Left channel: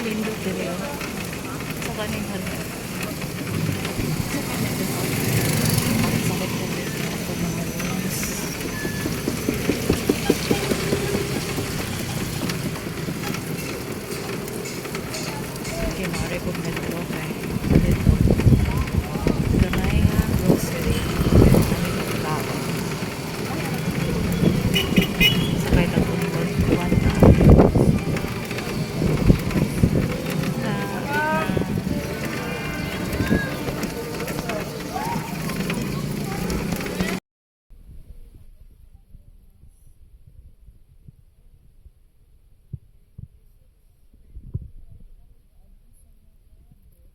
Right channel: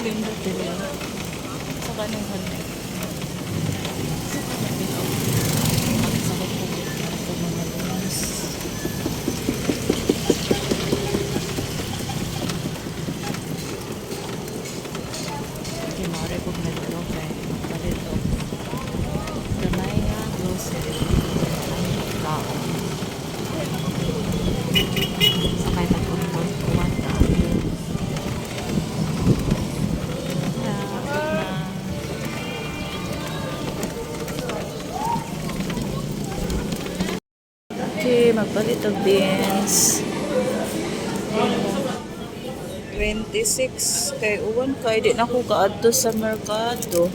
lindo din yun. Sa kaning halik. Sa kaning din ako. Ang sakit ko dito ako mga lunas. Okay, maaari kong nagdalo kay dito. Gamay nga grocery. Aming pagkaon. Sakay nag-unton. Kuwanta. Magpalit of beans 26 kay uwan kay di na ko kaadto sa merkado,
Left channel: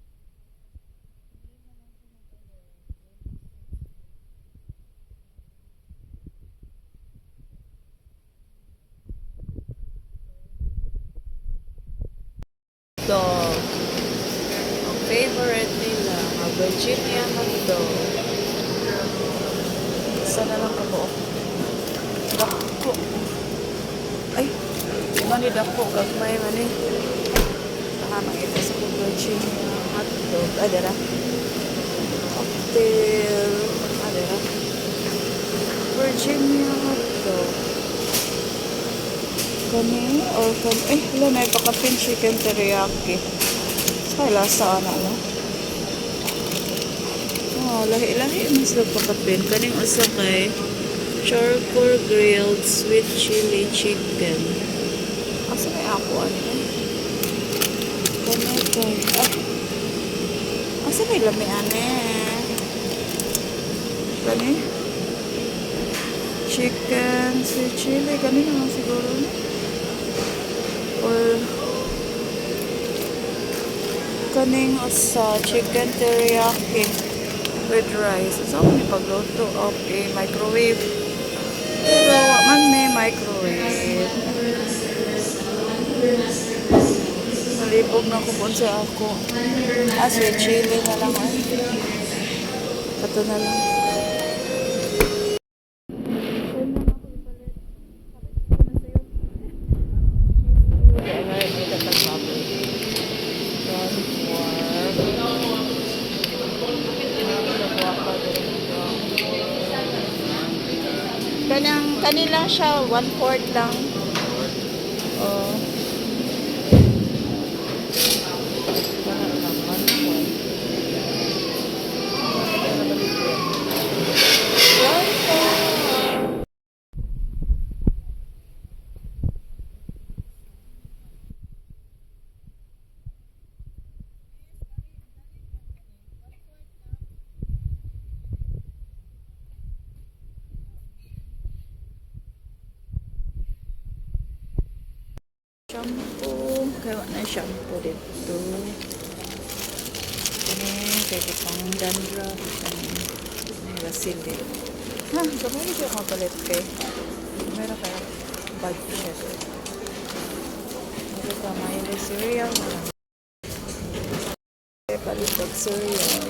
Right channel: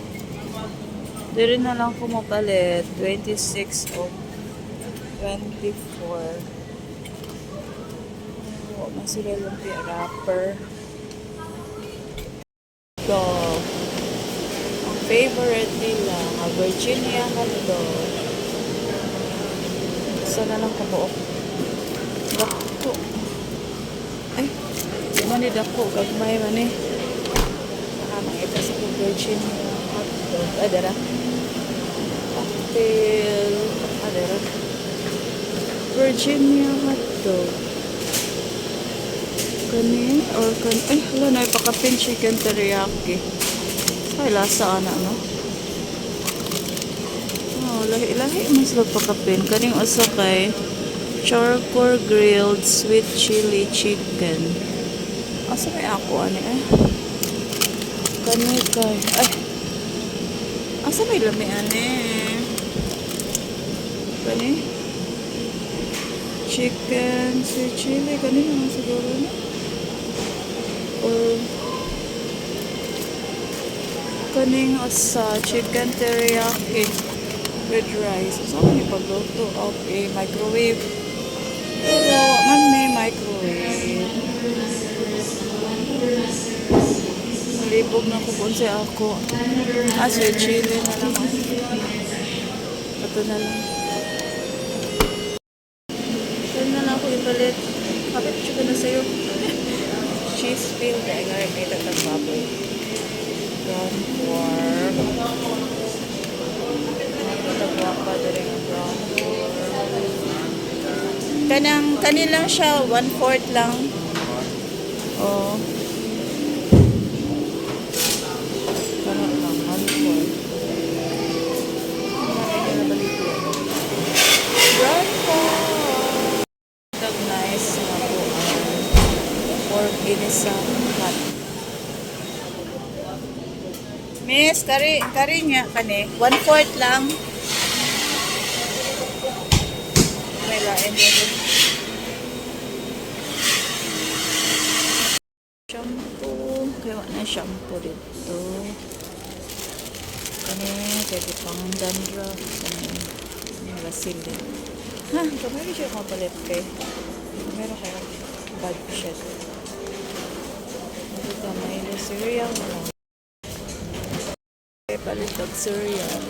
diri na lang ko mapalit 26 o 24. Man sila lumpia wrapper dog ang favorite nila ang Virginia hotdog. Sana lang kabuok. Dako. Ay, ano ni dako? Gagmay man eh. Nakahamang ito sa Virginia hotdog. Adara. Cocktail. Adara. Virginia hotdog. Kani or kani. Ay, hala na ipakapin chicken teriyaki. Ay, lasa na no? Lahi-lahi mas nagpakapin. Kaning usa kay charcoal grilled sweet chili chicken. Asa may ako ano eh? Kani kay asa may lami ane? Kani chicken sweet chili kani na siguro na. Or kaning usa chicken teriyaki with rice. So, pagluto of a microwave. Pero, man may microwave. Malibog na kupon siya ako. Sweet chili na lang. Kato na lang. Saan na lang ako ipalit? Kapit siya na sa'yo. Cheese field. Ay, may datang sabi. Then, kanin lang siya, 1/4 lang. Oh. Kanin lang, 1/4. Nice na po ang pork ginisang hot. Miss, kari niya kani, 1/4 lang. May lain din. Shampoo. Kaya na shampoo dito. Kani, kaya pang dandruff. Kani, vaseline. Ha, kamay siya mapalit kay. Meron kayo budget. Ito ka, may cereal na lang. Kaya palit of cereal.